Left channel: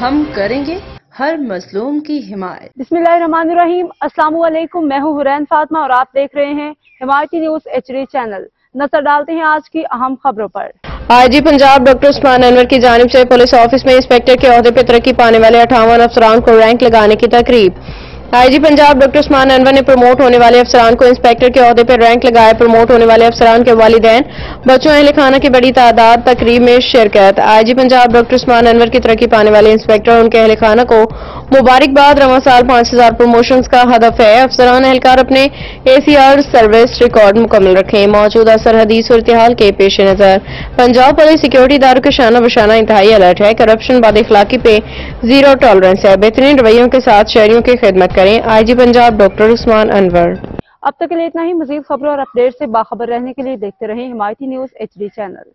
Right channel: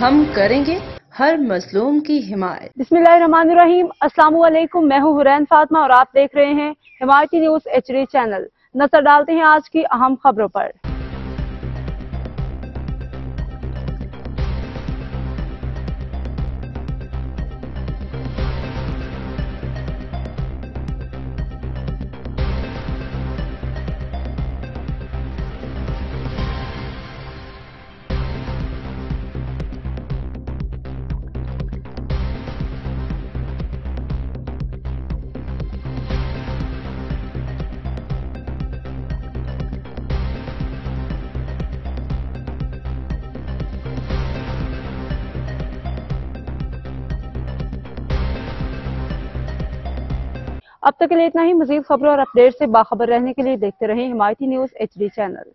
ہم کریں گے ہر مظلوم کی حمایت۔ بسم اللہ الرحمن الرحیم۔ السلام علیکم، میں ہوں حرین فاطمہ اور آپ دیکھ رہے ہیں حمایتی نیوز HD چینل۔ نظر ڈالتے ہیں آج کی اہم خبروں پر۔ IG پنجاب ڈاکٹر عثمان انور کی جانب سے پولیس آفس میں انسپکٹر کے عہدے پر ترقی پانے والے 58 افسران کو رینک لگانے کی تقریب۔ IG پنجاب ڈاکٹر عثمان انور نے پروموٹ ہونے والے افسران کو انسپکٹر کے عہدے پر رینک لگائے۔ پروموٹ ہونے والے افسران کے والدین، بچوں، اہل خانہ کی بڑی تعداد تقریب میں شرکت۔ IG پنجاب ڈاکٹر عثمان انور کی ترقی پانے والے انسپکٹر اور ان کے اہل خانہ کو مبارکباد۔ رواں سال 5000 پروموشنز کا ہدف ہے۔ افسران اہلکار اپنے ACR سروس ریکارڈ مکمل رکھیں۔ موجودہ سرحدی صورتحال کے پیش نظر پنجاب پولیس سیکیورٹی اداروں کے شانہ بشانہ انتہائی الرٹ ہے۔ کرپشن، بد اخلاقی پہ زیرو ٹالرنس ہے۔ بہترین رویوں کے ساتھ شہریوں کی خدمت کریں۔ IG پنجاب ڈاکٹر عثمان انور۔ اب تک کے لیے اتنا ہی۔ مزید خبروں اور اپڈیٹ سے باخبر رہنے کے لیے دیکھتے رہیں حمایتی نیوز HD چینل۔